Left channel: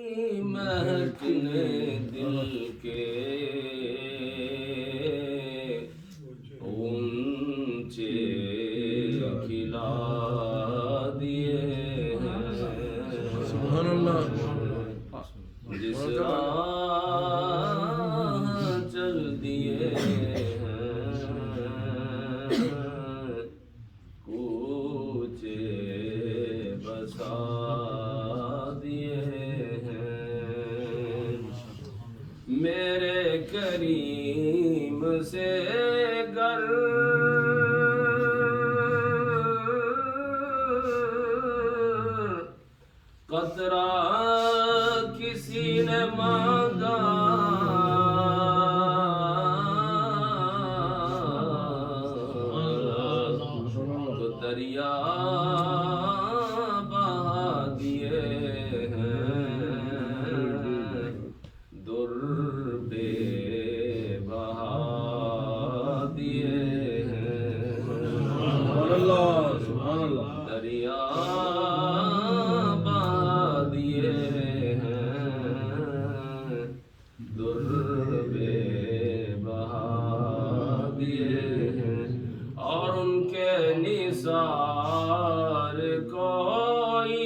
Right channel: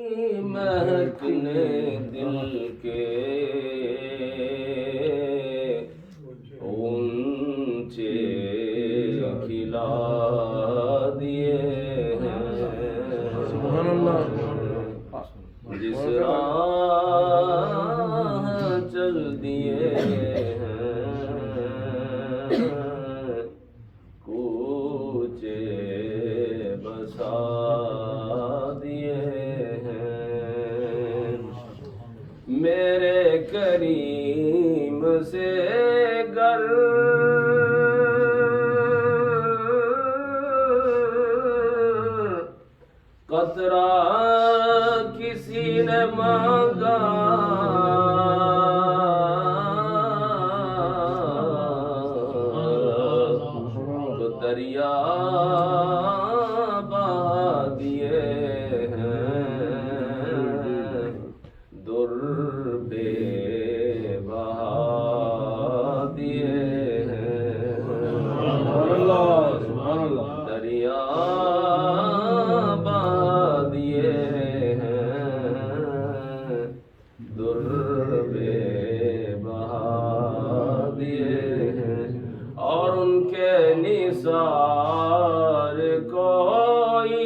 مہکنے دل کے اونچے کھلا دیے ہیں، سبحان اللہ، جس راہ چل دیے ہیں، کوچے بسا دیے ہیں، میرے کریم سے گر قطرہ کسی نے مانگا تو دریا بہا دیے ہیں، در بے بہا دیے ہیں، سبحان اللہ، سبحان اللہ، دریا بہا دیے ہیں، در بے بہا دیے ہیں، اور ان کے نثار کوئی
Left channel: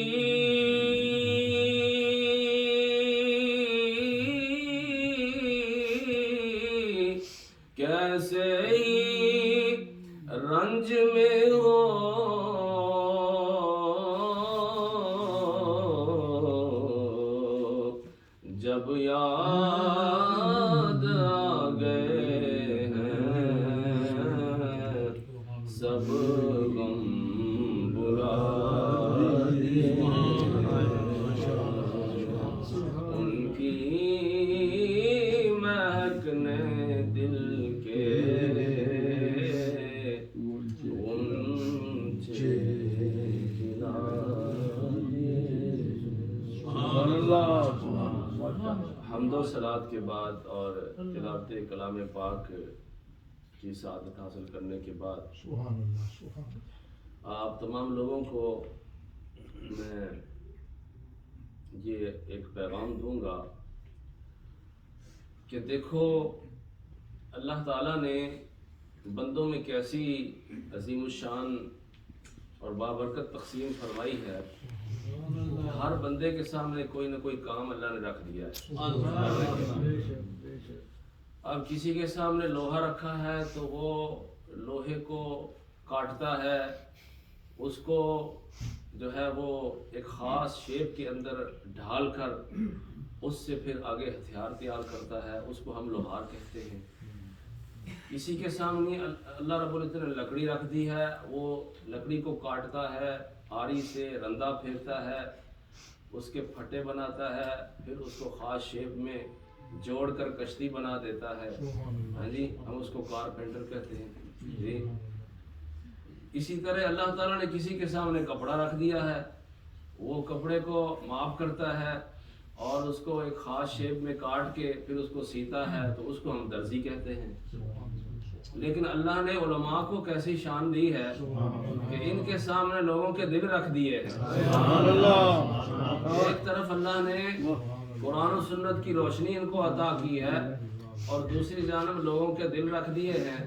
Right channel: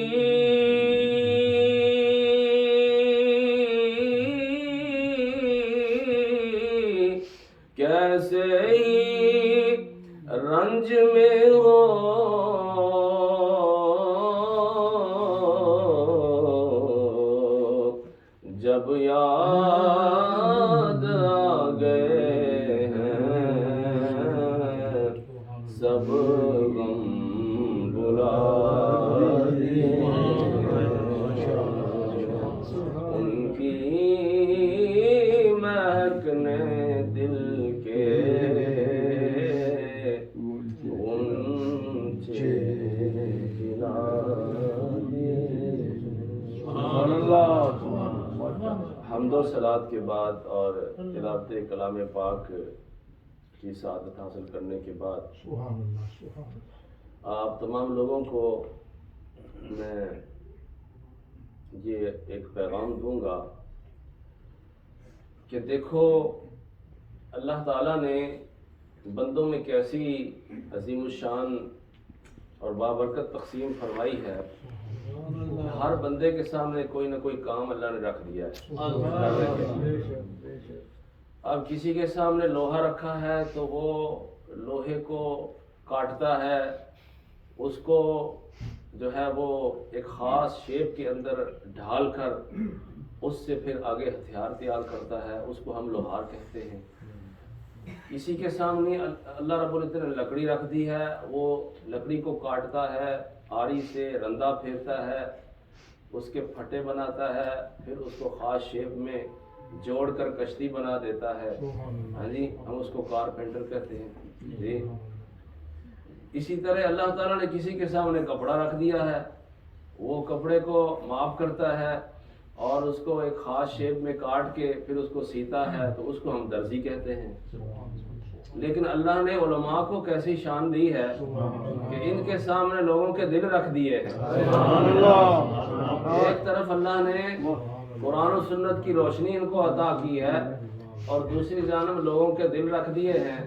کیسے ہی رنج میں ہو، جب یاد آ گئے ہیں، سب غم بھلا دیے ہیں، ان کی مہکنے دل کے اونچے کھلا دیے ہیں۔ سبحان اللہ، سبحان اللہ۔ حمد و صلات کے بعد اور تلاوت کلام پاک کی سعادت حاصل کرنے کے بعد سبحان اللہ، سبحان اللہ۔ آپ تمام لوگوں کو میں یہ ایک پیغام دوں گا کہ دیکھو اللہ تعالیٰ نے بندوں میں کیسی عظیم الشان اور بابرکت تقسیم فرمائی ہے، ہر بندے کے سامنے کوئی نہ کوئی کام اللہ نے رکھ دیا ہے۔ اب کسی کے سامنے لوہا رکھا ہے تو وہ لوہے کو کاٹتا ہے، اس کو جو ہے وہ ایک خاص شیپ کے اندر ڈھال کر اس سے پھر آگے ہتھیار تیار کرتا ہے، اس کو ہم لوہار کہتے ہیں۔ کسی کے سامنے اللہ رب العزت نے لکڑی رکھ دی ہے، وہ لکڑی کو کاٹتا ہے، آری سے رندہ پھیرتا ہے، اس کے پھٹے بناتا ہے، پھر اس کو خاص شیپ میں جوڑ کر کشتی بنا دیتا ہے، ہاں جی، ہم اس کو کارپینٹر کہتے ہیں جی۔ اسی طرح اللہ تعالیٰ نے کسی کے سامنے کپڑا رکھ دیا ہے، وہ کپڑے کو معاف کرتا ہے اور اس کو ایک خاص شیپ میں کاٹ کے پھر اس کو سیتا ہے، تو اس کو ہم درزی کہتے ہیں۔ لیکن اللہ نے علماء کو کیسی شان دی ہے کہ ان کے سامنے لوگوں کے دل رکھ دیے ہیں۔ سبحان اللہ، ایک طرف اللہ نے قرآن و سنت کی روشنی ان کو عطا کی ہے اور دوسری جانب لوگوں کے دل رکھ دیے ہیں،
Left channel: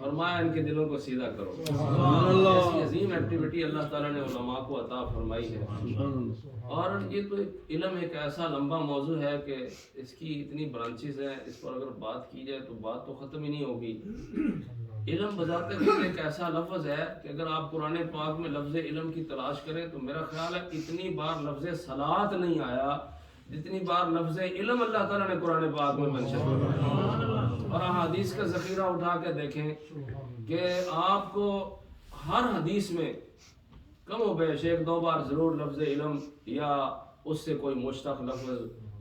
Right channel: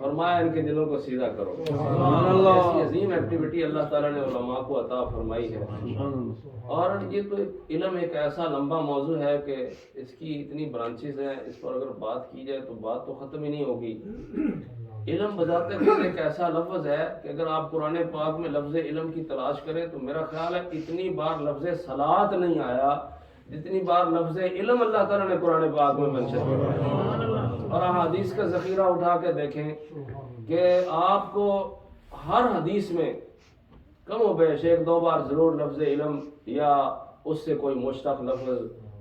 فرمایا ان کے دلوں کو سیدھا کرو۔ سبحان اللہ، ایسی عظیم ایکٹیویٹی اللہ تعالیٰ نے علماء کو عطا فرمائی ہے۔ سبحان اللہ۔ اور یہ تو علم ایک ایسا لمبا موضوع ہے کہ اس کی اتنی برانچز ہیں، اس پر اگر بات کی جائے تو بات تو ختم ہی نہیں ہوگی۔ علم بذات خود ایک ایسا لفظ ہے کہ اگر آپ قرآن پاک میں لفظ علم کی تلاش کریں تو میرا خیال ہے اتنی بار لفظ صلاۃ نہیں آیا جتنی بار لفظ علم اللہ تعالیٰ نے قرآن پاک میں منشن کیا۔ اور احادیث کا ذخیرہ اٹھا کے دیکھیں کہ آپ کو ہر حدیث میں کم و بیش ایک دو بار ضرور لفظ علم یا اس سے کوئی مشتق لفظ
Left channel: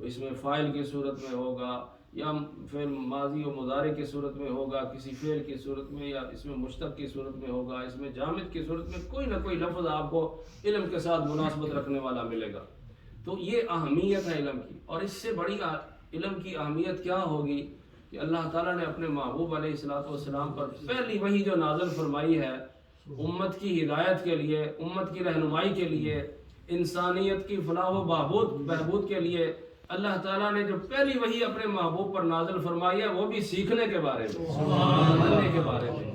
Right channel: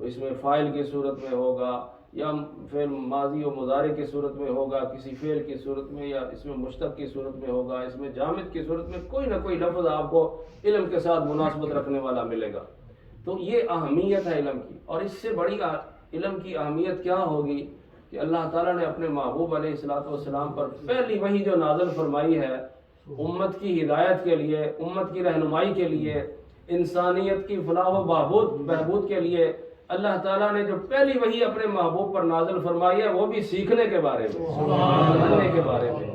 اس میں فاعل کی صورت میں ہوگا یا فعل ماضی و مضارع کی صورت میں ہوگا، کسی فعل کی صورت میں، یا اس میں مشتق کی صورت میں ہوگا، اس میں جامد کی صورت میں، کوئی نہ کوئی لفظ آپ کو علم کے ساتھ مناسبت رکھنے والا ملے گا۔ تو یہ اہمیت ہے علم کی، اور اس سے بڑی علم کی اہمیت کیا ہوگی کہ اللہ تعالیٰ نے اپنے محبوب علیہ السلام پر پہلی وحی جو نازل فرمائی ہے امت کی ہدایت کے لیے، امت کی رہنمائی کے لیے، انسانیت کی فلاح و بہبود کے لیے اللہ تعالیٰ نے جو پہلی وحی اپنے محبوب پر نازل فرمائی ہے وہ بھی سیکھنے کے بارے میں، سمجھنے کے بارے میں،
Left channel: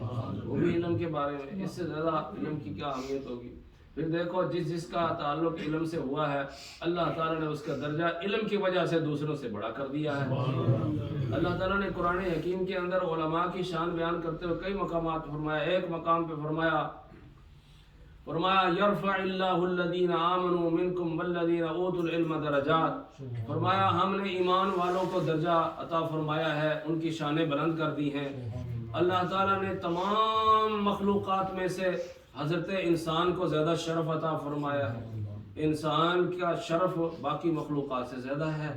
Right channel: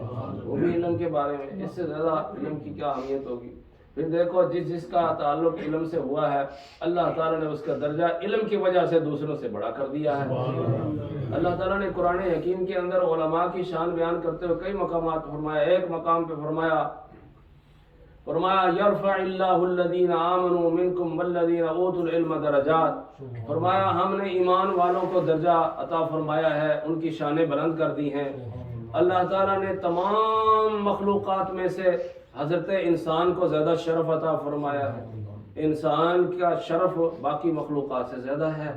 وہ بھی علم کے بارے میں۔ اس سے زیادہ علم کی کیا اہمیت ہوگی؟ پھر دیکھو جس کا تعلق علم سے ہوا ہے اللہ تعالیٰ نے اس کا درجہ علم کی وجہ سے دوسروں سے بڑا کر دیا ہے۔ اللہ تعالیٰ نے قرآن حکیم کے اندر علماء کی شان بیان کرتے ہوئے کئی مقامات فرمایا۔ ایک مقام پہ فرمایا یرفع اللہ الذین آمنوا منکم والذین اوتوا العلم درجات، فرمایا ہم نے ایمان والوں کو درجہ عطا فرمایا ہے، ان کی شانیں بلند کر دی ہیں۔ اللہ تعالیٰ نے تمام مخلوقات میں سے حضرت انسان کو زیادہ شرف عطا فرمایا ہے، انسان کا شرف باقی مخلوقات سے زیادہ ہے۔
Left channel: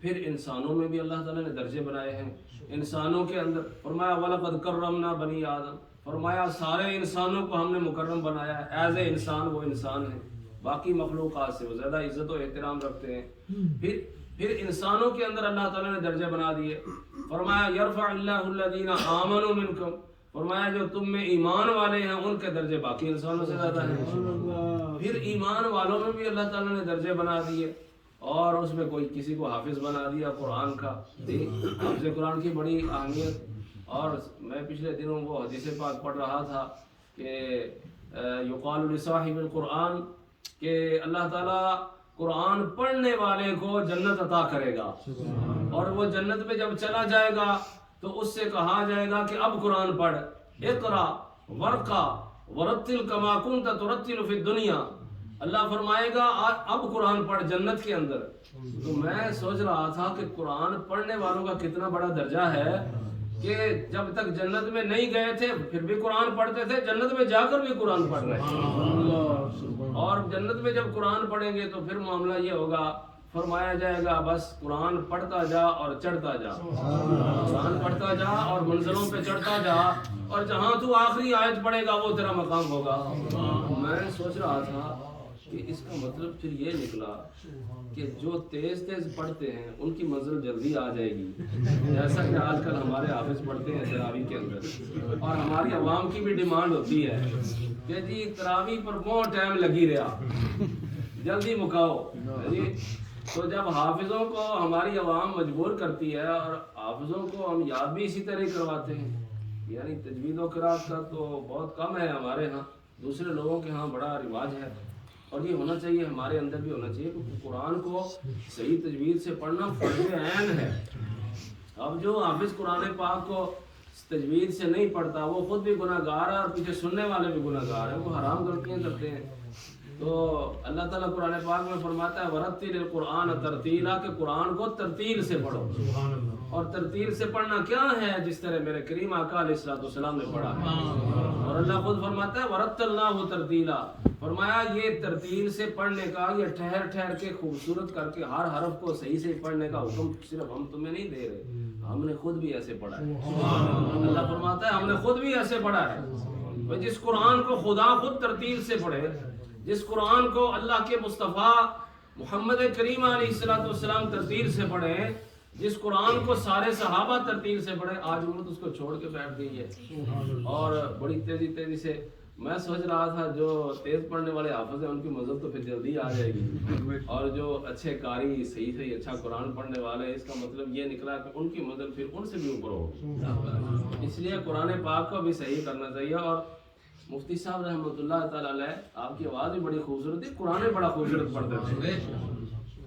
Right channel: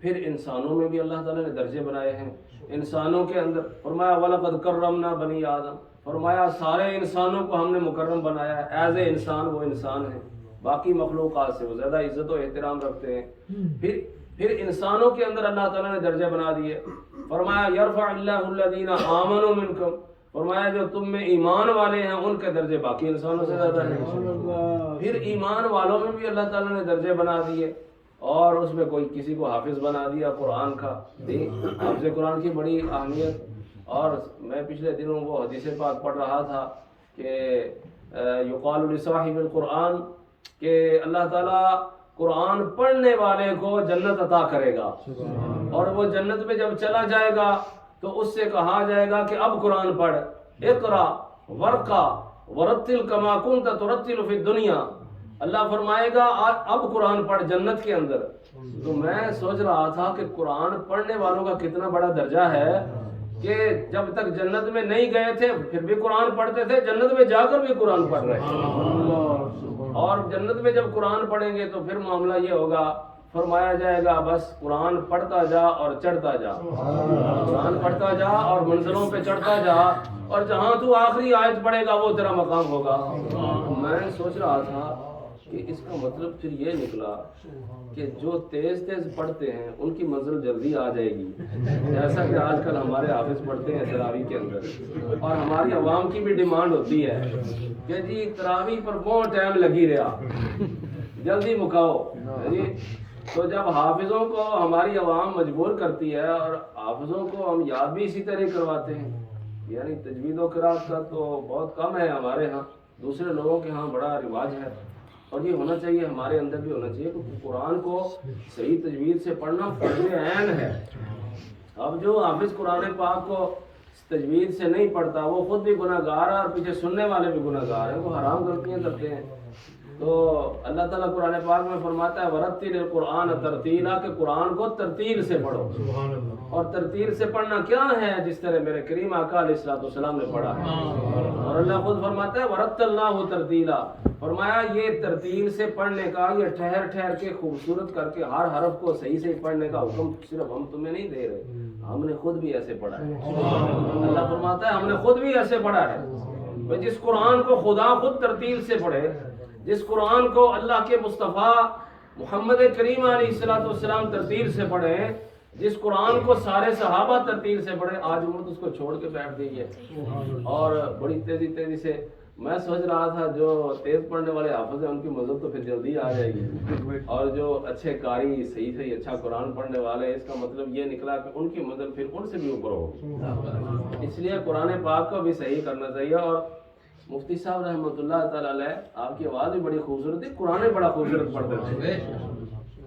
پھر انسانوں میں بھی اللہ تعالیٰ نے درجے بنائے ہیں۔ انسانوں کے اندر فرمایا وَلَقَدْ كَرَّمْنَا بَنِي آدم، فرمایا سارے انسانوں کو ہم نے مکرم بنایا ہے، ایز اے انسان وہ انسان ہے، باقی مخلوقات سے وہ زیادہ عزت و احترام رکھتے ہیں۔ پھر انسانوں کے اندر اللہ تعالیٰ نے درجے بنا دیے۔ فرمایا یرفع اللہ الذین آمنوا منکم، فرمایا جو تم میں ایمان والے ہیں ان کے درجے باقی انسانوں سے زیادہ ہیں۔ پھر ایمان والوں میں بھی اللہ تعالیٰ نے درجے بنا دیے، اور اس میں کوئی کسی کو حافظ بنا دیا قرآن کا۔ حافظ قرآن کی بڑی اہمیت۔ اور میں پچھلے دنوں وہ حدیث پاک پڑھ رہا تھا کہ یقال لصاحب القرآن، کہ اللہ تعالیٰ قرآن پڑھنے والے کو جنت عطا کرے گا، اور وہ جنت میں جب چلا جائے گا تو اس سے کہا جائے گا کہ اب قرآن پڑھ، اقرا ورقا ورتل کما کنت ترتل فی الدنیا۔ اللہ فرمائے گا اب قرآن پڑھ جنت کے اندر۔ تو میں سوچ رہا تھا کہ قرآن پڑھنے والوں کا کتنا بڑا درجہ ہے کہ جب تک جنت میں نہیں گئے تھے پھر بھی قرآن پڑھتے تھے، جنت میں جا کر بھی قرآن پڑھ رہے ہیں۔ اور جنت میں جب قرآن پڑھیں گے تو پھر معاملہ یہ ہوگا، فرمایا جائے گا بس قرآن پڑھتا جا اور چڑھتا جا، قرآن پڑھتا جا اور منزلوں پہ چڑھتا جا، اور جہاں تو آخری آیت پڑھے گا وہ تیرا مقام ہوگا۔ میں سوچ رہا تھا کہ اس کا مطلب پھر یہ نکلا کہ جو تیز پڑھتے ہیں ان کی منزل جلدی آ جائے گی، جیسا کہ آج کل ہمارے حافظ پڑھتے ہیں تراویح کے اندر، اور ہماری عوام کی بھی ڈیمانڈ ہوتی ہے کہ جی تراویح پر بہت ٹائم لگی رہا، جلدی مکاؤ جی۔ تو جب حافظوں کو ہماری عوام مجبور کرتی ہے، اور حافظوں کو ہم یاد بھی اسی طرح کرواتے ہیں، یعنی تجوید و قرات کا تو بہت کم ہے ہمارے ہاں، دوسرے لوگوں کے ہاں بڑا رواج ہے، اور یہ ہونا چاہیے، ہمارے اندر بھی ہونا چاہیے کہ قرآن کو صحیح تجوید سے پڑھنا فرض عین ہے۔ اب جو حافظ قرآن پاک کو تجوید سے نہیں پڑھتا وہ خود بھی گناہ گار ہے، اور پیچھے سننے والے بھی گناہ گار ہیں، وہ حرام غلطیاں کرتے ہیں۔ تو اللہ تعالیٰ قرآن پاک میں فرماتا ہے وَرَتِّلِ الْقُرْآنَ تَرْتِيلًا، کہ قرآن کو ترتیل سے پڑھو۔ اور ترتیل سے پڑھنا کیا ہے؟ جس طرح میرے کریم آقا علیہ السلام نے پڑھا ہے۔ اور اللہ خود فرماتا ہے وَرَتَّلْنَاهُ تَرْتِيلًا، فرمایا یہ ترتیل سے پڑھنے کا، یہ ٹھہر ٹھہر کے خوبصورت کر کے ہر حرف کو صحیح سے پڑھنے کا حکم صرف ہم تمہیں نہیں دے رہے، ہم نے خود بھی ایسے پڑھا ہے۔ اللہ فرماتا ہے ہم نے خود بھی ایسے پڑھا ہے۔ جس قرآن کو خدا خود ترتیل سے پڑھے، جس قرآن کو اللہ کے مصطفیٰ محمد کریم علیہ السلام ترتیل سے پڑھے، جس قرآن کو سارے صحابہ ترتیل سے پڑھے، آج مرد اس کو چھوڑ کے بیٹھ گئی ہے، اور بڑی تیزی سے۔ میں سوچ رہا تھا جو تیز پڑھنے والے حافظ ہیں ان کی مدد تو پھر جلدی آ جائے گی، اور جو اچھے قاری صحیح اچھا قرآن پڑھنے والے، اس کا مطلب یہ نکلا کہ ان کی مدد پھر ان سے بھی اوپر ہوگی۔ اس لیے قرآن پاک کو بھی صحیح کرنا چاہیے۔ اور مفتی صاحب رحمۃ اللہ تعالیٰ علیہ، آپ کی آواز بھی بڑی خوبصورت تھی، قرآن بڑا خوبصورت پڑھتے تھے،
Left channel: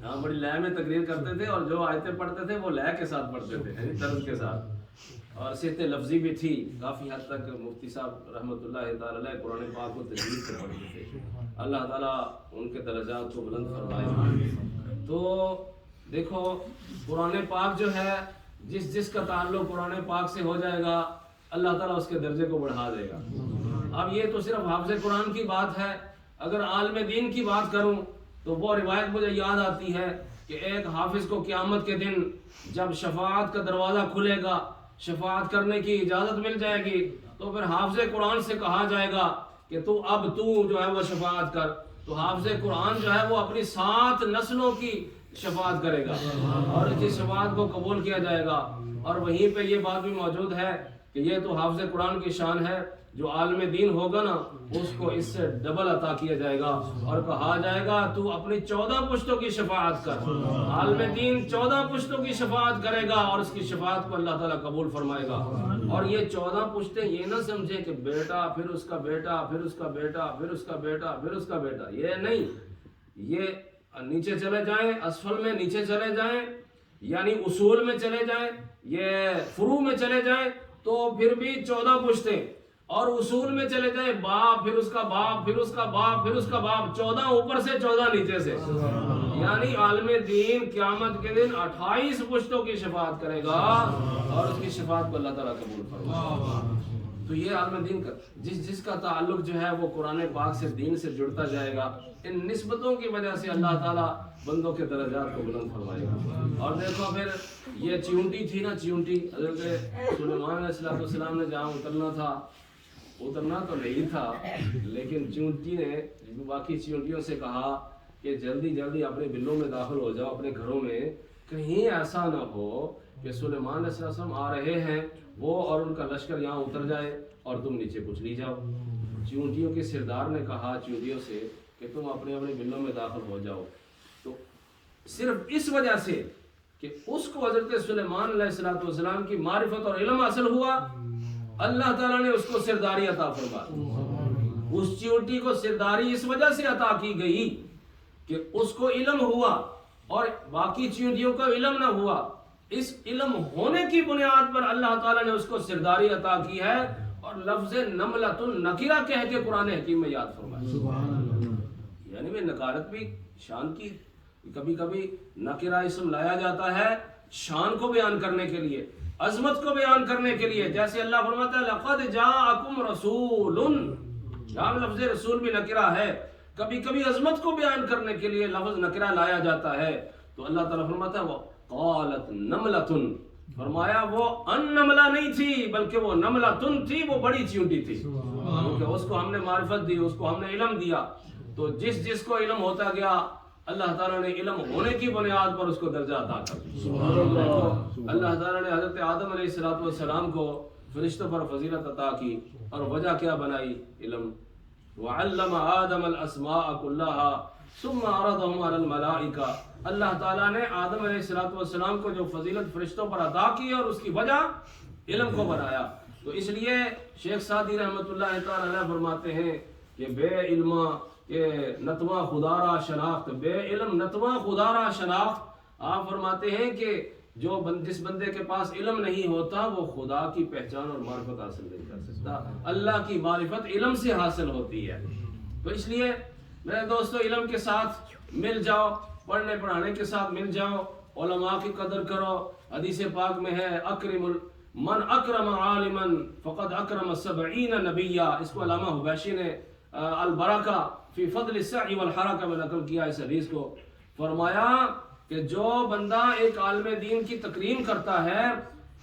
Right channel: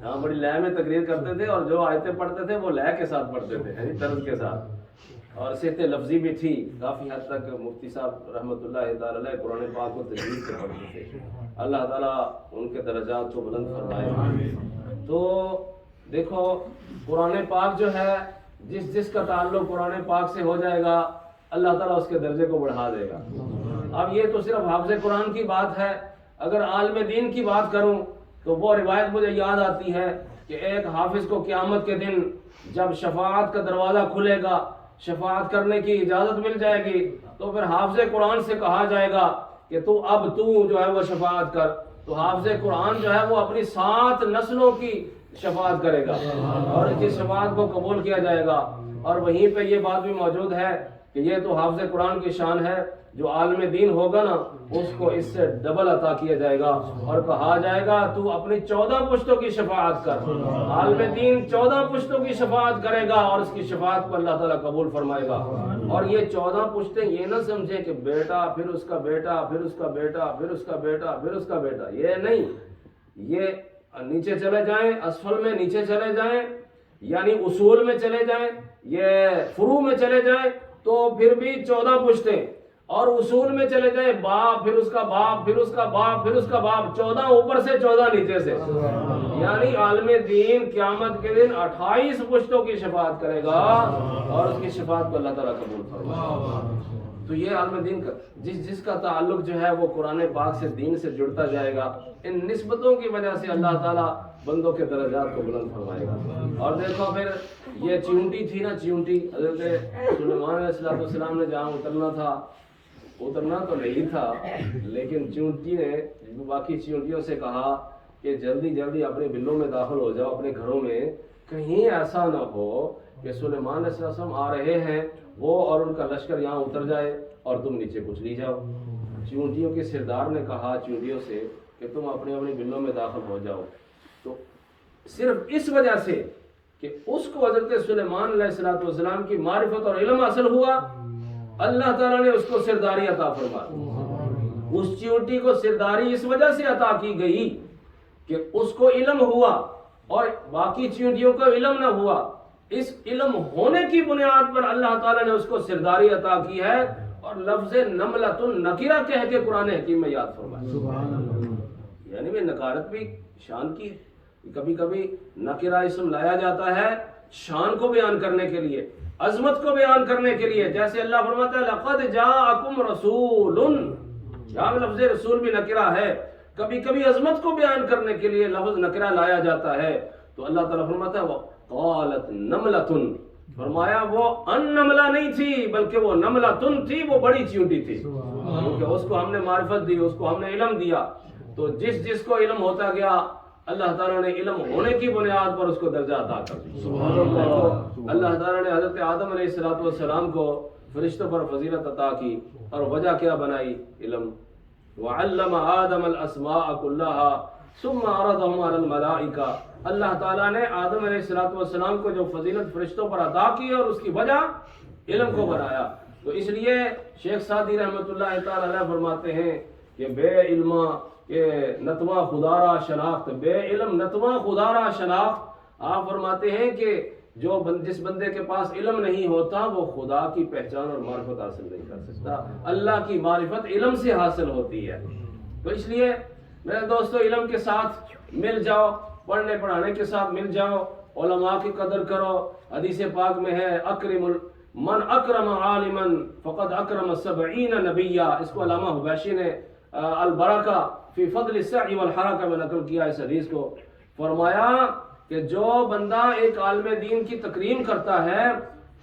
ہاں بڑی لے میں تقریر کرتے تھے، اور جو آیتیں پڑھتے تھے وہ لے کے ساتھ پڑھتے تھے، یعنی طرز کے ساتھ، اور صحت لفظی بھی تھی کافی حد تک۔ مفتی صاحب رحمۃ اللہ تعالیٰ علیہ قرآن پاک کو تجوید سے پڑھتے تھے، اللہ تعالیٰ ان کے درجات کو بلند فرمائے۔ تو دیکھو قرآن پاک جو ہے، جس کا تعلق قرآن پاک سے ہو جائے گا اللہ تعالیٰ اس کے درجے کو بڑھا دے گا۔ اب یہ تو صرف حافظ قرآن کی بات ہے، اگر عالم دین کی بات کروں تو وہ روایت مجھے یاد آتی ہے کہ ایک حافظ کو قیامت کے دن جب شفاعت کا دروازہ کھلے گا، شفاعت کرنے کی اجازت مل جائے گی، تو پھر حافظ قرآن سے کہا جائے گا کہ اب تو جو ہے وہ شفاعت کر۔ تو حافظ قرآن جو ہے وہ اپنی 7 نسلوں کی شفاعت کرے گا، اور اس کی شفاعت کو قبول کیا جائے گا۔ اور وہیں پہ یہ بات بھی موجود ہے کہ یہ تو حافظ قرآن کی شان ہے، جو عالم دین ہوگا نا اس کو اس سے ڈبل عطا کیا جائے گا، اور کہا جائے گا تو اپنی 14 پشتوں کی شفاعت کر۔ عالم دین 14 پشتوں کی شفاعت کرے گا اور اس کی شفاعت کو اللہ تعالیٰ قبول فرمائے گا۔ اور یہ 14 پشتیں یہ نہ سمجھے کہ بیٹا، پھر اس کا بیٹا، پھر اس کا بیٹا، پھر اس کا بیٹا، پھر اس کا بیٹا، یہ نہیں، یہ نیچے چلے جائیں، اسفل میں نیچے چلے جائیں، یعنی اصول میں چلے جائیں، یہ فروع میں چلے جائیں تو پھر بھی 14 پشتیں، اور اصول میں چلے جائیں باپ، پھر اس کا باپ، پھر اس کا باپ، پھر اس کا باپ، 14 اوپر سے 14 نیچے سے، یعنی عالم دین قیامت کے دن 28 پشتوں کی شفاعت کرے گا اور اس کی شفاعت کو اللہ تعالیٰ قبول فرمائے گا۔ تو یہ عالم دین کا جس کا تعلق جو ہے وہ قرآن پاک سے، دین سے جڑتا جائے گا، ان نسبتوں کی وجہ سے اللہ تعالیٰ بندوں کے درجات کو بلند فرمائے گا۔ اور دیکھو پھر یہ چیونٹی تھی نا، چیونٹی حضرت سلیمان علیہ السلام نے جہاں اترنا تھا، اترنا تو نہیں تھا، لیکن چیونٹی نے باقی چیونٹیوں سے کہا کہ جلدی جلدی اپنے بلوں میں داخل ہو جاؤ، اپنے گھروں میں، کہیں ایسا نہ ہو کہ سلیمان علیہ السلام آ رہے ہیں وہ اور ان کا لشکر یہاں اتر جائے اور تم نیچے کچھ لی جاؤ۔ چیونٹیوں کے سردار نے کہا چیونٹیوں سے کہ تم اپنے اپنے بلوں میں داخل ہو جاؤ۔ تو صرف اس وجہ سے کہ اس کو حضرت سلیمان علیہ السلام کی معرفت اور علم حاصل ہوا، اللہ تعالیٰ نے اس کو سرداری عطا فرمائی۔ اس چیونٹی کو سرداری اس وجہ سے عطا کی گئی کہ اس کو علم ہوا اور باقی چیونٹیوں کو علم نہ ہوا۔ اس علم ہونے کی بنیاد پر اللہ تعالیٰ نے اس کو سرداری عطا کی ہے، اور لفظ نملۃ النکرہ کہہ کے قرآن حکیم میں یاد فرمایا۔ یعنی میں نکارت بھی شان کی، کبھی کبھی نکرہ اسم لایا جاتا ہے شان کو بیان کرنے کے لیے، عظمت کو بیان کرنے کے لیے، جیسے اللہ فرماتا ہے لقد جاءکم رسول، یہاں لفظ رسول بھی نکرہ ہے۔ کبھی کبھی عظمت کو بیان کرنے کے لیے لفظ نکرہ لایا جاتا ہے، تو اللہ تعالیٰ فرماتا ہے قالت نملۃ، فرمایا وہ ان نملہ نہیں تھی بلکہ وہ نملۃ تھی، وہ بڑی چیونٹی تھی، کیونکہ اس کو ہم نے معرفت دی، اس کو ہم نے علم دیا۔ تو جس کو علم ہوتا گیا اللہ تعالیٰ نے علم ہونے کی بنیاد پر اس کو درجہ عطا کر دیا۔ اللہ تعالیٰ نے حضرت آدم علیہ السلام کو فرشتوں پر فضیلت عطا کی، اور وجہ کیا بنائی؟ علم۔ وعلم آدم الاسماء كلها ثم عرضهم على الملائکہ، اللہ تعالیٰ نے آدم علیہ السلام کو جو فضیلت فرشتوں پر عطا کی اور اس کی وجہ علم کو بنایا۔ تو اس لیے شیخ سعدی رحمۃ اللہ تعالی علیہ فرماتے ہیں کہ بے علمہ کہ نتواں خدا را شناخت، بے علم نتواں خدا را شناخت۔ آپ فرماتے ہیں کہ جس بندے کے پاس علم نہیں ہوتا وہ خدا کی پہچان اور معرفت حاصل نہیں کر سکتا۔ اللہ کی معرفت علم سے حاصل ہوتی ہے۔ تو اس لیے میرے دوستو علم کے ساتھ مل جاؤ، پڑھنے پڑھانے کے ساتھ مل جاؤ، علماء کی قدر کرو۔ حدیث پاک میں ہے اکرم من اکرم عالما فقد اکرم 70 نبیا، اس کو علامہ حبیشی نے البرکہ فی فضل السعی والحرکہ میں نقل کیا اس حدیث کو۔ فرمایا کہ جو بندہ ایک عالم دین کی تکریم کرتا ہے،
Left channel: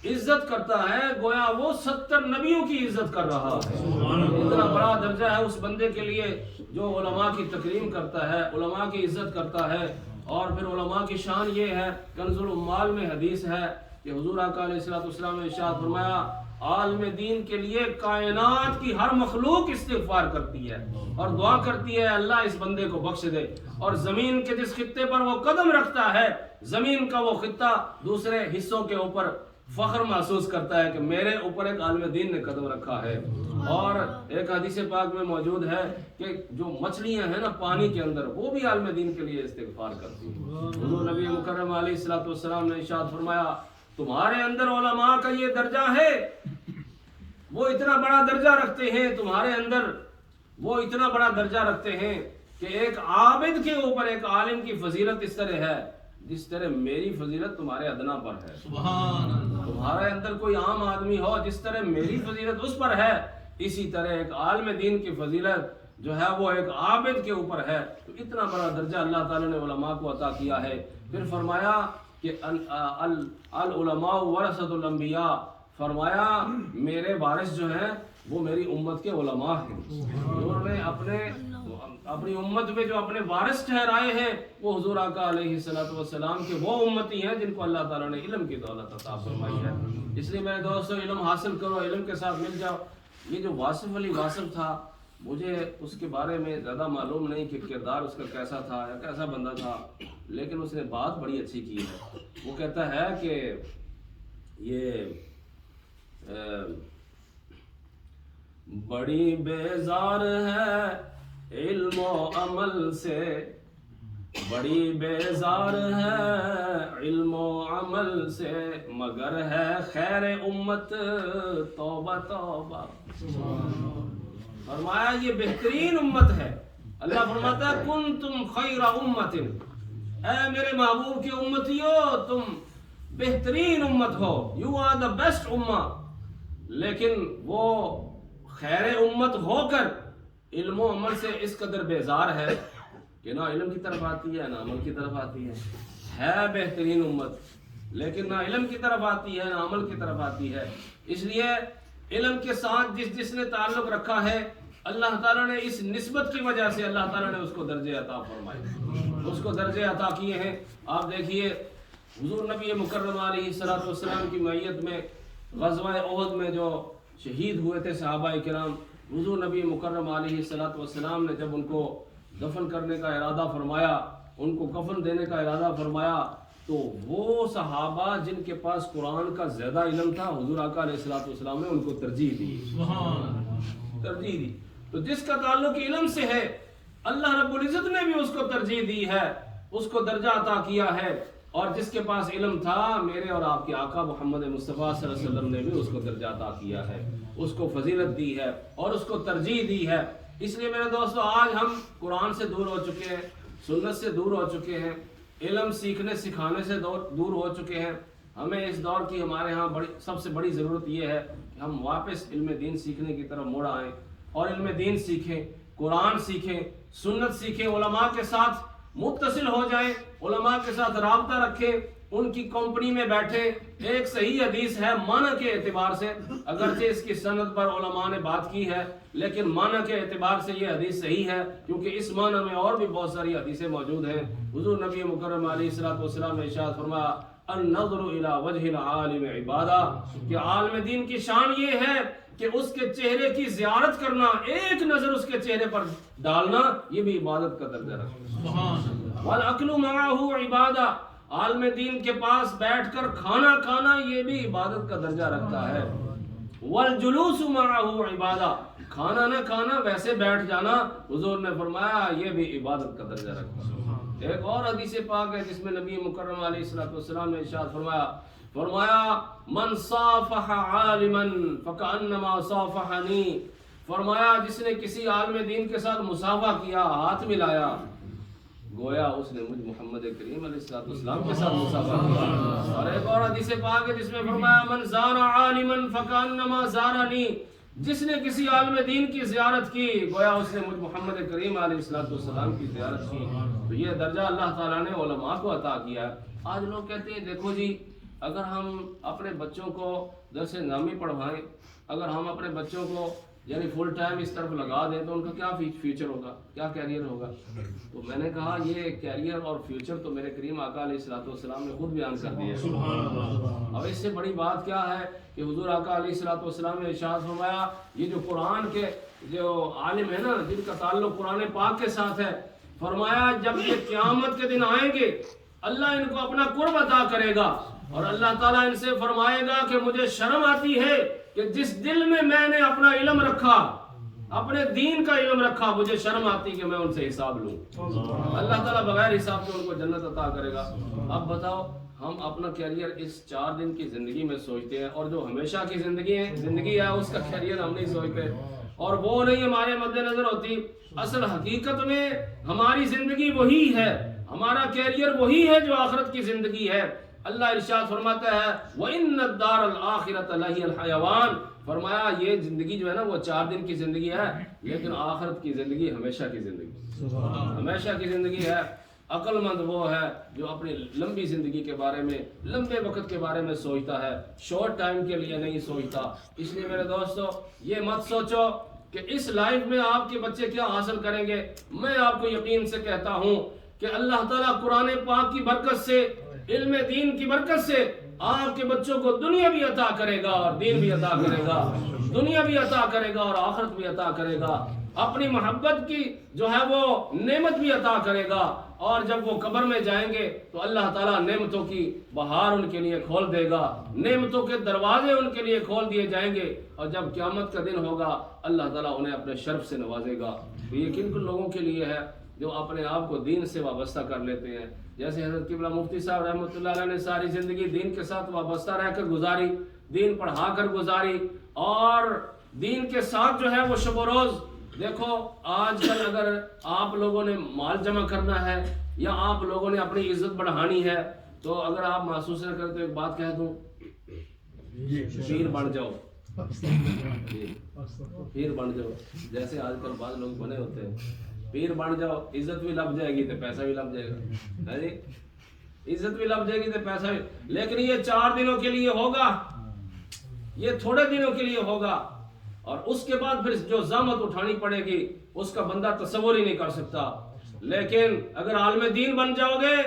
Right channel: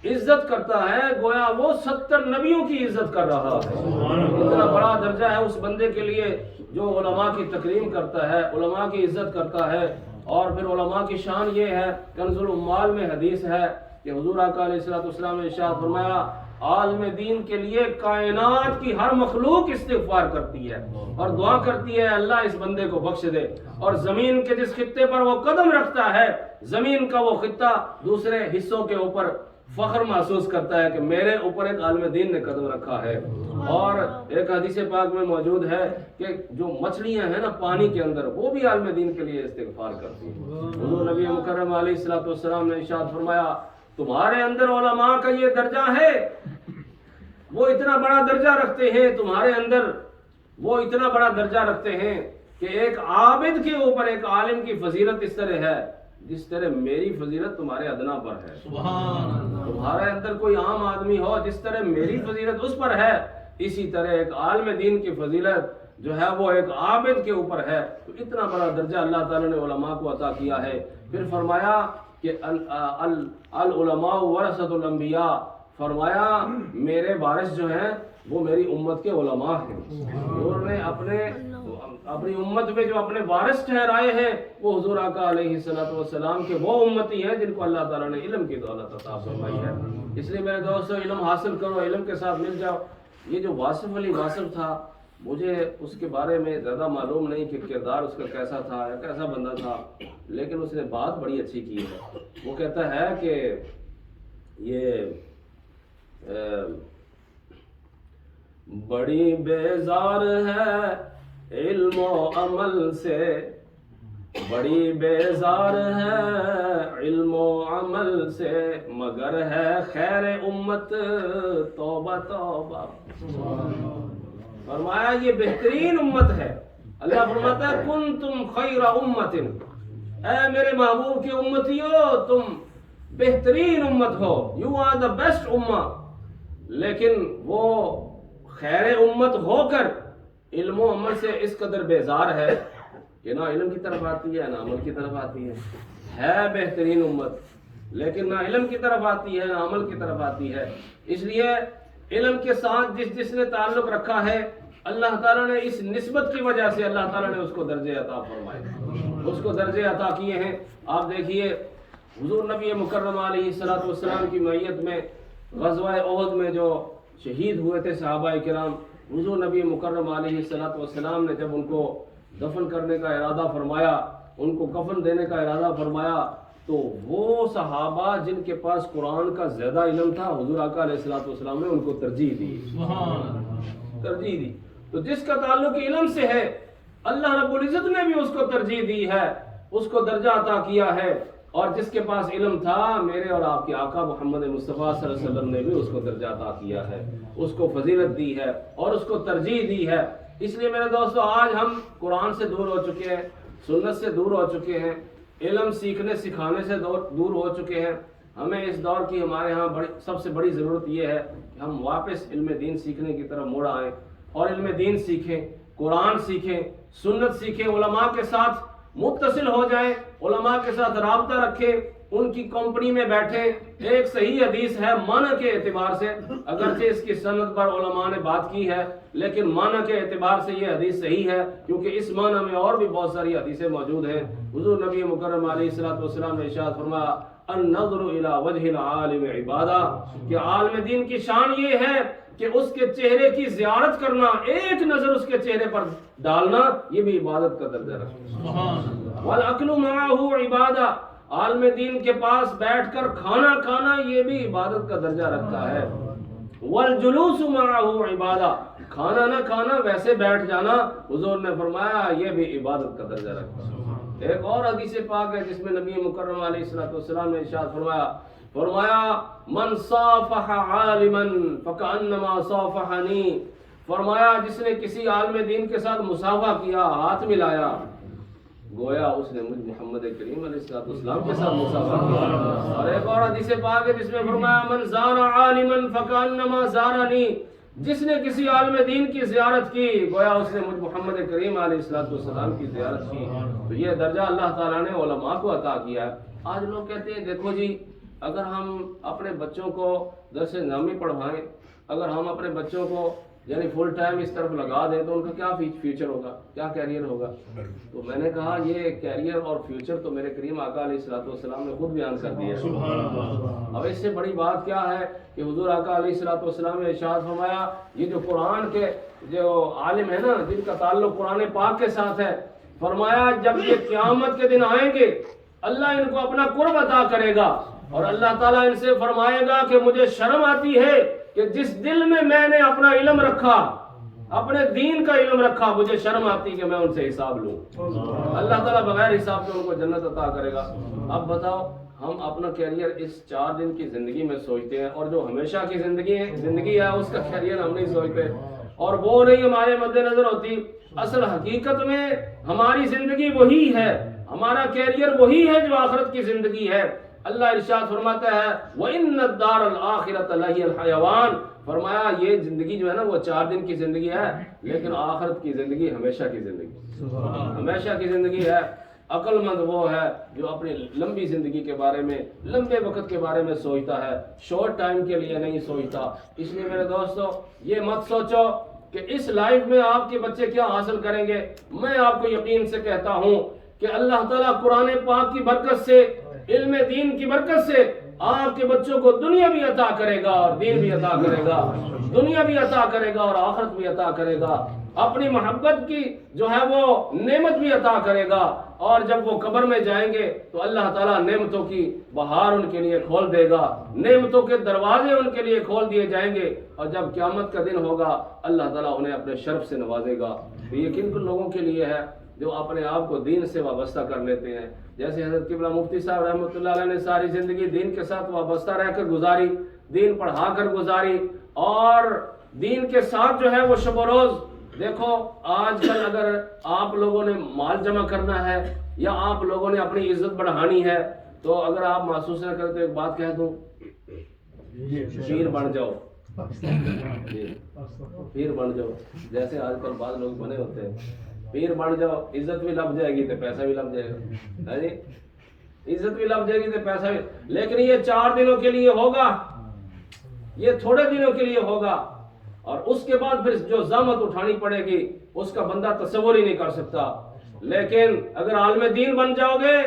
عزت کرتا ہے، گویا وہ 70 نبیوں کی عزت کر رہا ہے۔ اتنا بڑا درجہ ہے اس بندے کے لیے جو علماء کی تکریم کرتا ہے، علماء کی عزت کرتا ہے۔ اور پھر علماء کی شان یہ ہے، کنز العمال میں حدیث ہے کہ حضور آقا علیہ السلام نے ارشاد فرمایا عالم دین کے لیے کائنات کی ہر مخلوق استغفار کرتی ہے اور دعا کرتی ہے اللہ اس بندے کو بخش دے، اور زمین کے جس خطے پر وہ قدم رکھتا ہے زمین کا وہ خطہ دوسرے حصوں کے اوپر فخر محسوس کرتا ہے کہ میرے اوپر ایک عالم دین نے قدم رکھا ہے۔ اور ایک حدیث پاک میں موجود ہے کہ جو مچھلیاں ہیں نا پانی کے اندر، وہ بھی عالم دین کے لیے استغفار کرتی ہیں۔ حضور نبی مکرم علیہ السلام نے ارشاد فرمایا تمہارے اندر علماء کا یہ درجہ ہے، وہ اتنا بڑا درجہ رکھتے ہیں تمہارے اندر، وہ اتنا بڑا درجہ رکھتے ہیں کہ ایک عابد کے اوپر ایک عالم کی فضیلت اس طرح ہے جس طرح میری فضیلت تمہارے ادنا پر ہے۔ سبحان اللہ۔ تمہارے اندر کوئی عام آدمی ہو جس طرح میری فضیلت اس پر ہے، اسی طرح ایک عالم دین کی فضیلت جو ہے وہ ایک عابد کے اوپر ہے۔ تو اتنا بڑا درجہ اللہ تعالیٰ نے علماء کو عطا کیا ہے۔ پھر فرمایا کہ العلماء ورثۃ الانبیاء، فرمایا میرے وارث جو ہیں وہ میری امت کے علماء ہیں، انہوں نے اپنی امت میں جو اپنے وارث ٹھہرائے ہیں وہ حضور آقا علیہ الصلوۃ والسلام کے وہ امتی ہیں جن کو اللہ تعالیٰ نے علم کی دولت عطا فرمائی ہے۔ اس لیے میرے دوستو علم حاصل کرو، علم کے ساتھ مل جاؤ۔ یہ جو واصف علی واصف تھا، مجھے اس کے بارے میں زیادہ معلوم نہیں کہ کردار اس کا کیسا تھا یا کیسا بندہ تھا، لیکن اس نے بات بڑی اچھی کی ہے۔ وہ کہتا ہے کہ یہ بڑی بیزار ہے علم و عمل سے، بڑی بیزار ہے علم و عمل سے، مگر ہے خیر امت توبہ توبہ۔ فرمایا یہ بہترین امت ہے۔ اللہ فرماتا ہے کنتم خیر امت، اے میرے محبوب کی امتیو تم بہترین امت ہو، یو آر دا بیسٹ امہ، لیکن وہ خیر امت ہو کر علم و عمل سے اس قدر بیزار ہے کہ نہ علم کی طرف آتی ہے نہ عمل کی طرف آتی ہے بہترین امت لیکن نہ علم کی طرف آتی ہے نہ عمل کی طرف آتی ہے۔ اس لیے علم کے ساتھ جس نے تعلق رکھا ہے، اللہ تعالیٰ نے اس نسبت کی وجہ سے اللہ تعالیٰ نے اس کو درجے عطا فرمائے، اس کو درجے عطا کیے ہیں۔ آپ دیکھیے حضور نبی مکرم علیہ الصلوۃ والسلام کی معیت میں غزوہ احد میں جو شہید ہوئے تھے صحابہ کرام، حضور نبی مکرم علیہ الصلوۃ والسلام نے جب ان کو دفن کرنے کا ارادہ فرمایا، ان کو کفن دینے کا ارادہ فرمایا، تو وہ صحابہ جن کے پاس قرآن کا زیادہ علم تھا، حضور آقا علیہ الصلوۃ والسلام نے ان کو ترجیح دی۔ تو جس کا تعلق علم سے ہے، اللہ رب العزت نے بھی اس کو ترجیح دی ہے، اس کو درجہ عطا کیا ہے، اور جس کے پاس علم تھا، میرے اور آپ کے آقا محمد مصطفیٰ صلی اللہ علیہ وسلم نے بھی اس کو درجہ عطا کیا ہے، اس کو فضیلت دی ہے اور اس کو ترجیح دی ہے۔ اس لیے میرے دوستو آج ہم قرآن سے دور ہو چکے ہیں، سنت سے دور ہو چکے ہیں، علم سیکھنے سکھانے سے دور ہو چکے ہیں۔ ہمیں اس دور کی ہمارے ہاں سب سے بڑی ضرورت یہ ہے کہ ہم واپس علم دین سیکھنے کی طرف موڑ آئیں اور علم دین سیکھیں، قرآن سیکھیں، سنت سیکھیں، علماء کے ساتھ متصل ہو جائیں، علماء کے ساتھ رابطہ رکھیں، ان کی کمپنی میں بیٹھیں۔ ایک صحیح حدیث ہے معنی کے اعتبار سے، اگرچہ اس کی سند پر علماء نے بات کی ہے، لیکن معنی کے اعتبار سے یہ حدیث صحیح ہے، کیونکہ اس معنی میں اور بھی بہت ساری حدیثیں موجود ہیں۔ حضور نبی مکرم علیہ الصلوۃ والسلام نے ارشاد فرمایا النظر الی وجہ العالم عبادہ، کہ عالم دین کی شان یہ ہے کہ اس کے چہرے کی زیارت کرنا، ایک نظر اس کے چہرے پر ڈالنا، یہ بھی عبادت کا درجہ رکھتا ہے۔ والاکل معہ عبادہ، عالم دین کے پاس بیٹھ کر کھانا کھانا یہ بھی عبادت کا درجہ رکھتا ہے۔ والجلوس معہ عبادہ، کھانا نہ کھانا ویسے بیٹھ جانا، حضور نے فرمایا یہ بھی عبادت کا درجہ رکھتا ہے۔ ایک اور حدیث پاک ہے جس میں نبی مکرم علیہ الصلوۃ والسلام نے ارشاد فرمایا من صافح عالما فکأنما صافحنی، فرمایا جس نے کسی عالم دین کے ساتھ مصافحہ کیا، ہاتھ ملایا، گویا اس نے مجھ محمد کریم علیہ الصلوۃ والسلام کے ساتھ مصافحہ کیا۔ اور ایک اور حدیث پاک ہے جس میں فرمایا من زار عالما فکأنما زارنی، جس نے کسی عالم دین کی زیارت کی، گویا اس نے مجھ محمد کریم علیہ الصلوۃ والسلام کی زیارت کی۔ تو یہ درجہ اللہ تعالیٰ نے علماء کو عطا کیا ہے۔ آج لوگ کہتے ہیں دیکھو جی، اگر ہم اپنے بچوں کو درس نظامی پڑھوائیں، اگر ہم اپنے بچوں کو یعنی فل ٹائم اس طرف لگا دیں تو ان کا کیا فیوچر ہوگا، کیا کیریئر ہوگا؟ تو میں نے کہا یہ کیریئر اور فیوچر تو میرے کریم آقا علیہ الصلوۃ والسلام نے خود بیان کر دیا ہے۔ اب اس سے بڑی بات کیا ہے کہ حضور آقا علیہ الصلوۃ والسلام نے ارشاد فرمایا یہ جو قرآن کے جو عالم ہے نا، جن کا تعلق قرآن پاک کے ساتھ ہے، فرمایا جب یہ قیامت کے دن آئیں گے اللہ ان کو اپنا قرب عطا کرے گا، اور اللہ تعالیٰ ان سے فرمائے گا کہ مجھے شرم آتی ہے کہ جس دل میں میں نے اپنا علم رکھا، اپنے دین کا علم رکھا، مجھے شرم آتی کہ میں ان سے حساب لوں۔ اللہ تعالیٰ بغیر حساب کے ان کو جنت عطا کرے گا۔ اب بتاؤ، ہم اپنا کیریئر اس 4 دن کی زندگی میں سوچتے ہیں، اور جو ہمیشہ کی زندگی ہے اس کا کیریئر ہم نہیں سوچتے، اور وہ نہیں ہمارے مد نظر ہوتی۔ اصل حقیقت میں ہماری زندگی وہی ہے، ہمارا کیریئر وہی ہے جو آخرت کی زندگی ہے۔ اللہ ارشاد فرماتا ہے وَإِنَّ الدَّارَ الْآخِرَةَ لَهِيَ الْحَيَوَانُ، فرمایا یہ زندگی جو ہے نا وہ 4 دن کی زندگی ہے، لیکن آخرت کی زندگی ہمیشہ کی زندگی، ہمیشہ کی زندگی ہے۔ عقل مند وہ ہے جو اپنی لمبی زندگی کے بارے میں، لمبے وقت کے بارے میں سوچتا ہے، شارٹ ٹائم کے لیے نہیں سوچتا۔ اس لیے میرے دوستو یہ مت سوچو کہ اس لائف میں آپ کے بچے کیا حاصل کریں گے۔ میں آپ کو یقین سے کہتا ہوں کہ اللہ تعالیٰ قرآن پاک کی برکت سے، علم دین کی برکت سے آپ کے بچوں کو دنیا بھی عطا کرے گا اور دین بھی عطا کرے گا، دنیا بھی عطا کرے گا اور آخرت بھی عطا کرے گا، اپنی محبت کی جو ہے وہ نعمت بھی عطا کرے گا، اور جب وہ قبر میں جائیں گے تو اللہ تعالیٰ نعمتوں کی بہار ان کے لیے کھول دے گا، نعمتوں کے دروازے ان کے لیے کھول دیے جائیں گے، اور جب قیامت کا دن ہوگا اللہ تعالیٰ انہیں اپنے شرف سے نوازے گا۔ تو یہ کن کن لوگوں کے لیے ہے جو اپنے آپ کو دین سے وابستہ کر لیتے ہیں، جیسے حضرت قبلہ مفتی صاحب رحمۃ اللہ علیہ نے ساری زندگی دین کے ساتھ وابستہ رہ کر گزاری، دین پڑھا کر گزاری، اور دین کے ساتھ جو ہے وہ شب و روز۔ دیکھو آج کل اگر آپ لوگوں نے مال جمع کرنا ہے یا آپ لوگوں نے اپنی عزت بڑھانی ہے تو اگر آپ محسوس نہ کریں تو ایک بات کہہ دوں، پیر بن جاؤ، پیر بن جاؤ، جیسے آج کل بعض لوگ بنے ہوتے ہیں، پیر بن جاؤ، عزت بھی لب جائے گی تو پیسہ بھی لب جائے گا، عزت بھی لب جائے گی تو پیسہ بھی، لیکن یہ 4 دنوں کے لیے ہوگا، یہ تھوڑے دنوں کے لیے ہوگا، اور اس کے بعد پھر جو زحمت اٹھانی پڑے گی اس کا بندہ تصور ہی نہیں کر سکتا۔ لیکن اگر عالم دین بن جاؤ گے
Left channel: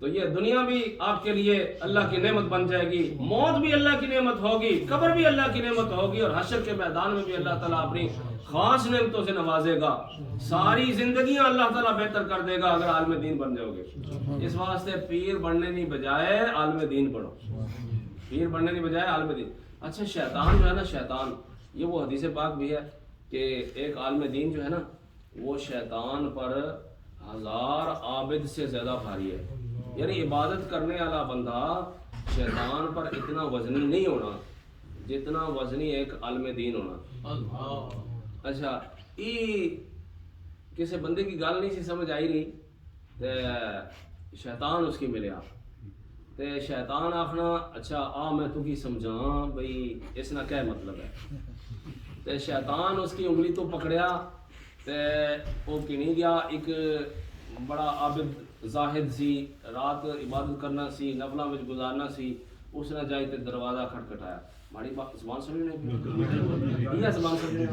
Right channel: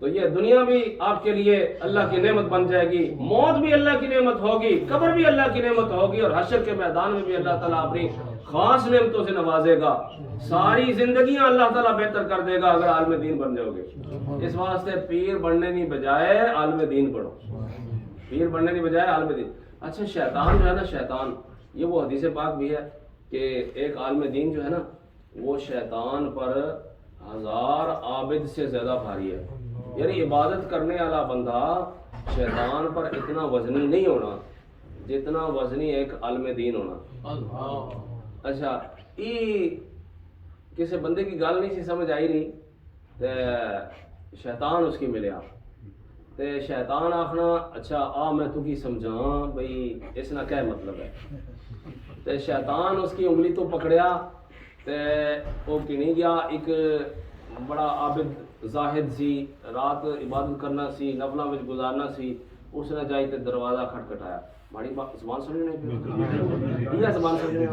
تو یہ دنیا بھی آپ کے لیے اللہ کی نعمت بن جائے گی، موت بھی اللہ کی نعمت ہوگی، قبر بھی اللہ کی نعمت ہوگی، اور حشر کے میدان میں بھی اللہ تعالیٰ اپنی خاص نعمتوں سے نوازے گا، ساری زندگیاں اللہ تعالیٰ بہتر کر دے گا اگر عالم دین بن جاؤ گے۔ اس واسطے پیر بننے نہیں بجائے عالم دین پڑھو، پیر بننے نہیں بجائے عالم دین۔ اچھا شیطان جو ہے نا، شیطان یہ وہ حدیث پاک بھی ہے کہ ایک عالم دین جو ہے نا وہ شیطان پر 1000 عابد سے زیادہ بھاری ہے، یعنی عبادت کرنے والا بندہ شیطان پر اتنا وزنی نہیں ہونا جتنا وزنی ایک عالم دین ہونا۔ اچھا یہ کسی بندے کی گل نہیں سی سمجھ آئی رہی تے شیطان اس کی ملیا تے شیطان آخنا اچھا آ میں تو کی سمجھاں بھئی اس نہ کیا مطلب ہے، تے شیطان اس کی انگلی تو پکڑیا تے وہ کنی گیا، ایک بڑا عابد زاہد سی، رات عبادت کرنا سی، نفلاں وچ گزارنا سی، اس نے جائی تے دروازہ کھٹکھٹایا، ماڑی زبان سمجھنے پہ یہ زبان سمجھنے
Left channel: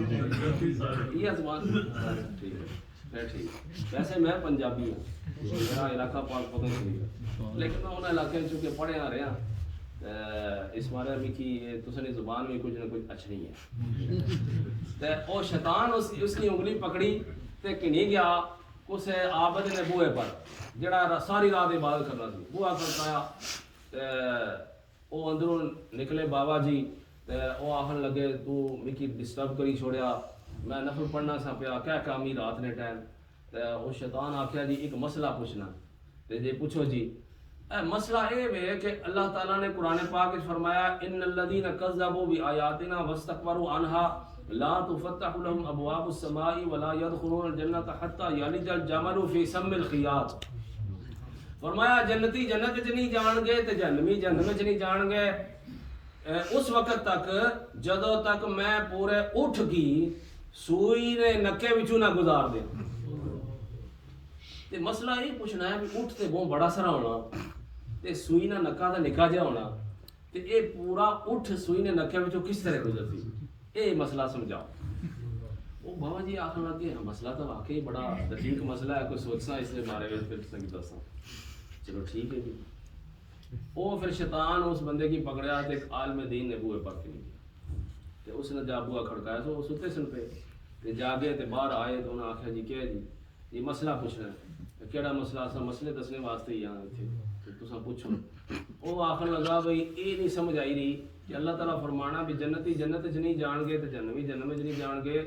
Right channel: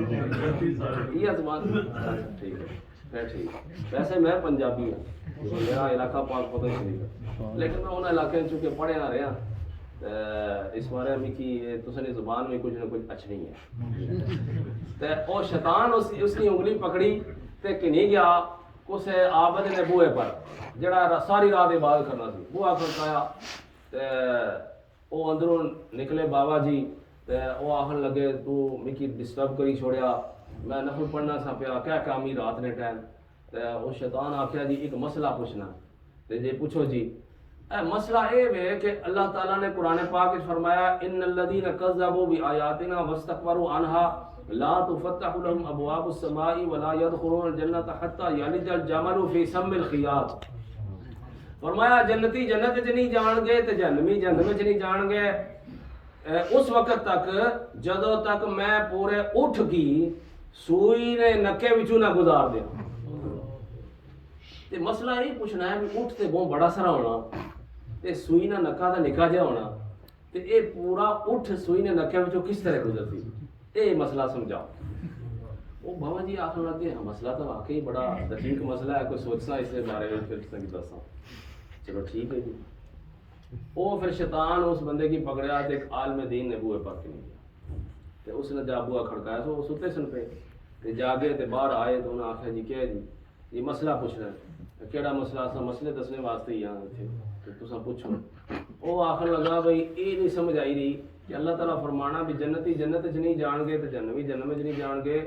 یہ زبان ٹھیک ہے پھر ٹھیک۔ ویسے میں پنجابی ہوں، میرا علاقہ پاک پتہ شریف ہے، لیکن میں انہیں علاقے چونکہ پڑھیا نہ رہا اس بارے میں کہ تسانی زبان میں کچھ نہ کچھ اچھ نہیں ہے، تے او شیطان اس کی انگلی پکڑی تے کنی گیا اس عابد نے بوئے پر جڑا ساری رات عبادت کرنا سی، بوہا کھڑکایا تے او اندروں نکلے بابا جی تے او آخر لگے تو مکی ڈسٹرب کری چھوڑیا، میں نفل پڑھنا سا پیا کیا کامی رات نے ٹائم، تے او شیطان آکھیا جی ایک مسئلہ پوچھنا، تے جی پوچھو جی۔ اے مسئلہ اے ہے کہ اللہ تعالیٰ نے قرآن پاک میں فرمایا ان الذین کذبوا بآیاتنا واستکبروا عنها لا تفتح لهم ابواب السماء ولا يدخلون الجنة حتى يلج الجمل في سم الخياط۔ فرمایا جنتی جنت چ نہیں جان گے تے جہنمی جہنم چ نہیں جان گے اس وقت تک جدوں تک میں پورے اٹھ کی سوئی نے نکے وچوں نہ گزار دیا۔ تے مسئلہ یہ پوچھنا ہے کہ اٹھ تے بہت بڑا سارا ہونا تے سوئی نہ نکا دا نکا جا ہونا تے اے پورا اٹھ سوئی نے نکے وچوں کس طرح گزرتی، اے مسئلہ سمجھاؤ۔ وہ بابا جی آخر لگے مسئلہ تو واقعی بڑا دقیق مسئلہ ہے، کوئی سوچنا اس کے بارے میں پھر تک دساں۔ چلو ٹھیک ہے جی۔ وہ پھر شیطان اس بندے کی پکڑیا تو ایک عالم دین نے بوئے پاک نہیں گیا تے اس نے جا بوا کھڑکایا تو وہ ستے سن پہ تے جاگے تے باہر آئے تو انہیں آخیا جی کیا جی یہ مسئلہ پوچھنا ہے، کیڑا مسئلہ سا مسئلے دسنے واسطے ہی یہاں تھے تو تساں پوچھو۔ وہ آخر لگا بھئی یہ نہیں سمجھ آئی رہی کہ اللہ تعالیٰ فرمانا بھی جنتی جنت چ نہیں جان گے تے جہنمی جہنم چ نہیں جان گے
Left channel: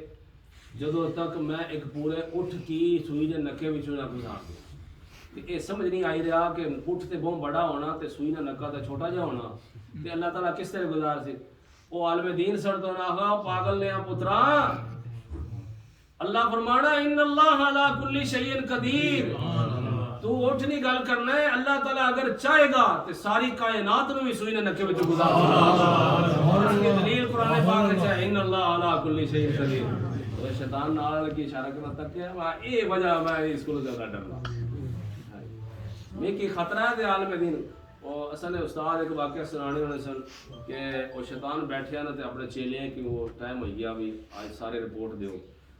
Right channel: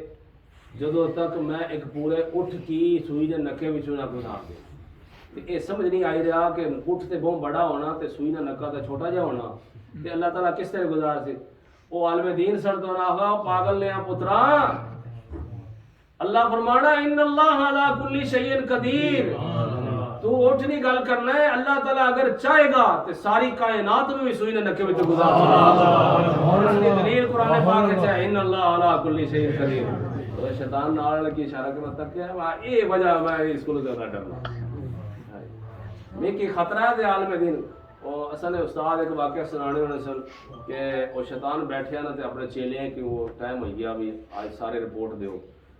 جدوں تک میں ایک پورے اٹھ کی سوئی دے نکے وچوں نہ گزار دے۔ یہ سمجھ نہیں آئی رہا کہ اٹھ تے بہت بڑا ہونا تے سوئی نہ نکا تے چھوٹا جا ہونا تے اللہ تعالیٰ کس طرح گزار سے۔ وہ عالم دین سردوں آگا پاگل نے پترا اللہ فرمانا ان اللہ علی کل شیء قدیر، تو اٹھ نہیں گل کرنا ہے، اللہ تعالیٰ اگر چاہے گا تے ساری کائنات نو بھی سوئی نے نکے وچ گزار دے۔ اور اس کی دلیل قرآن پاک وچ ہے ان اللہ علی کل شیء قدیر۔ تو شیطان نال کی اشارہ کرنا تک ہے اے وجہ میں اس کو زیادہ ڈرنا میں کی خطرہ ہے کہ عالم دین اور اصل استاد ایک واقعہ سنانے ہونے سن کہ وہ شیطان بیٹھیا نا تے اپنے چیلے کہ وہ ٹائم ہو گیا بھی آج سارے رپورٹ دیو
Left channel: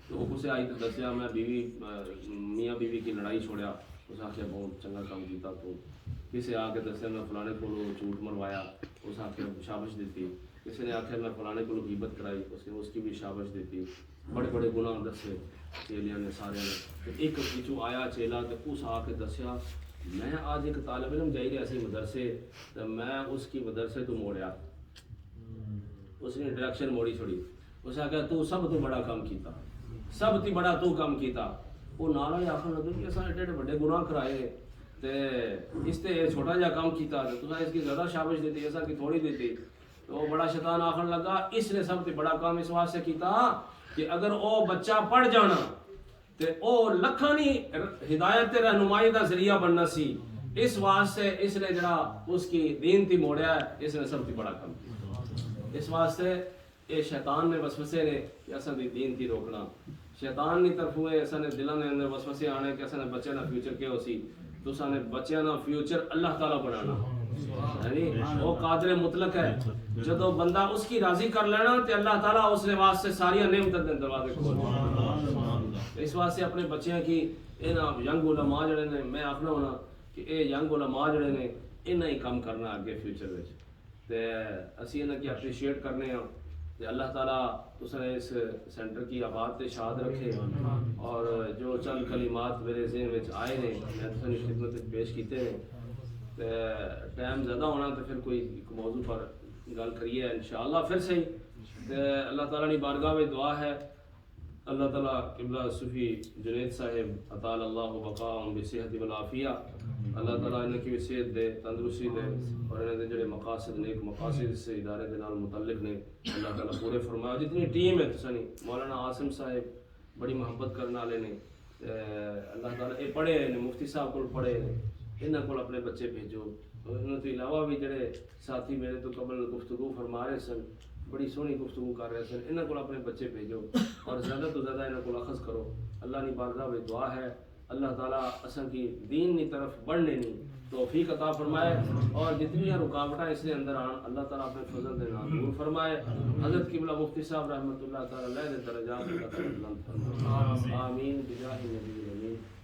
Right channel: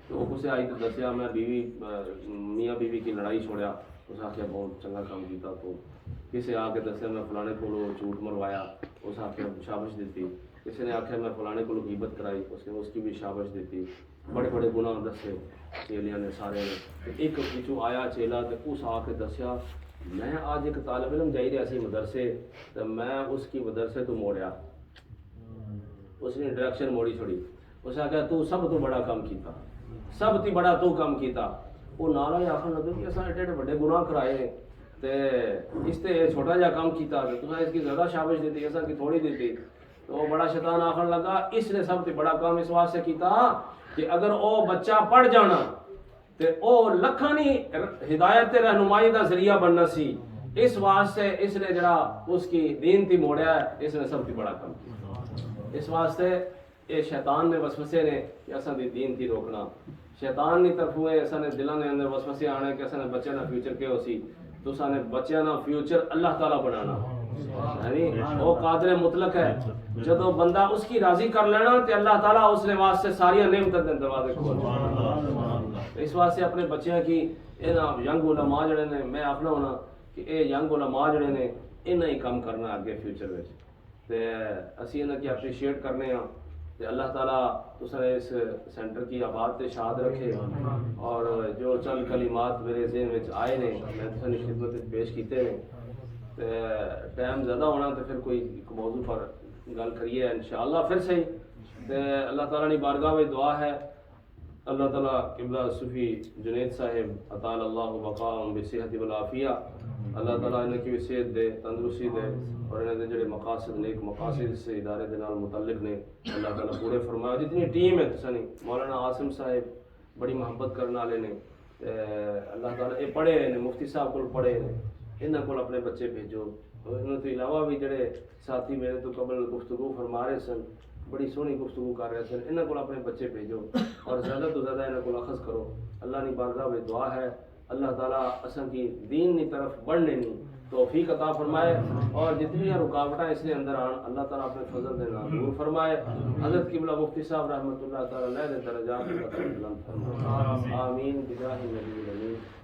تو وہ کسے آئی تو دسیا میں بیوی میاں بیوی کی لڑائی چھوڑیا اس آخیا بہت چنگا کام کیتا تو کسی آ کے دسیا میں فلانے کو جھوٹ مروایا اس آخیا شابش دیتی کسی نے آخیا میں فلانے کو غیبت کرائی اس نے اس کی بھی شابش دیتی بڑے بڑے گناہ دسے چیلیاں نے سارے نے ایک پیچھو آیا چیلا تو اس آ کے دسیا میں آج ایک طالب علم جائی رہا سی مدرسے تو میں اس کی مدرسے تو موڑیا اس نے ڈائریکشن موڑی چھوڑی اس نے کہا تو سب تو بڑا کام کیتا سب تی بڑا تو کام کیتا وہ نالا ہی آخر لگا کہ ایسا ایڈے بڑے گناہ کرائے تے اس تے چھوٹا جا کام کیتا تو اس کی زیادہ شابش دیتی ایسا کی تھوڑی دیتی تو وہ بڑا شیطان آخر لگا اس نے سب تی بڑا کام اس واسطے کیتا کہ اگر وہ بچہ پڑھ جانا تے او لکھانی ہدایت رہنمائی دا ذریعہ بننا سی اس واسطے اس نے جڑا اس کی دین تی موڑیا ہے اس نے سب تی بڑا کام کیا اس واسطے یہ شیطان نے وسوسے نے کہ اساں دی دین تی روکنا شیطان کی طرف ہوئے اساں نے دلاں دے اندر وسوسے آنے کہ اساں نے بچے نا فیوچر کے ہو سی تو اساں نے بچے نا فیوچر اللہ تعالی بنانا یعنی وہ قادر مطلق ہے جدو بندہ اس کی راضی کر لینا تے اللہ تعالیٰ اس نے واسطے ساری نعمتیں دے دروازے کھول اس واسطے اپنے بچیاں کی ینگ علماء جڑے نے میں آخنا ہونا کہ اے ینگ علماء جڑے نے انہیں ہی کام کرنا اگے فیوچر میں تے اسی انہیں کی اپریشیٹ کرنے ہیں تے اللہ تعالیٰ تساں اس سینٹر کی آباد تے شاد رکھے اور جو چند کلمات میرے ذہن میں آئے نے میں تساں کی خدمت پیش کیتے ہیں تے ٹائم زیادہ ہونا تو پھر کوئی موضوع پر گل کریے انشاءاللہ پھر صحیح تے اللہ تعالیٰ نے بارگاہ میں دعا ہے اللہ تعالیٰ قبلہ صوفی جنید صاحب اطال اللہ بقاءهم بصحت والعافیہ اللہ تعالیٰ انہیں کی صحت دے تندرستی دے اور انہیں دے جڑے مقاصد نیک مقاصد سے ادارے دے نال متعلق نے اللہ تعالیٰ پورے فرمایا جتنی ٹیم ہے تسانی مولانا عاصم صاحب بڑی محبت کرنے والے نے اللہ تعالیٰ یہ پڑھے نے مفتی صاحب کو پڑھے نے انہوں کو اپنے بچے بھیجو انہوں تو علاوہ بھی جڑے ساتھی میرے تو قبل گفتگو فرما رہے سن بڑی سونی گفتگو کر رہے سن انہوں کو اپنے بچے بھیجو اور زیادہ تو زیادہ انہوں کو اخذ کرو اللہ نے بارگاہ میں دعا ہے اللہ تعالیٰ اصل کی دین کی طرف بڑھنے نہیں توفیق عطا فرمائے اور جتنی رکاوٹیں اس نے اندر آن اللہ تعالیٰ اپنے فضل دے نام دور فرمائے حضرت قبلہ مفتی صاحب رحمۃ اللہ تعالیٰ علیہ درجات اللہ تعالیٰ بلند فرمائے آمین بجاہ النبی الامین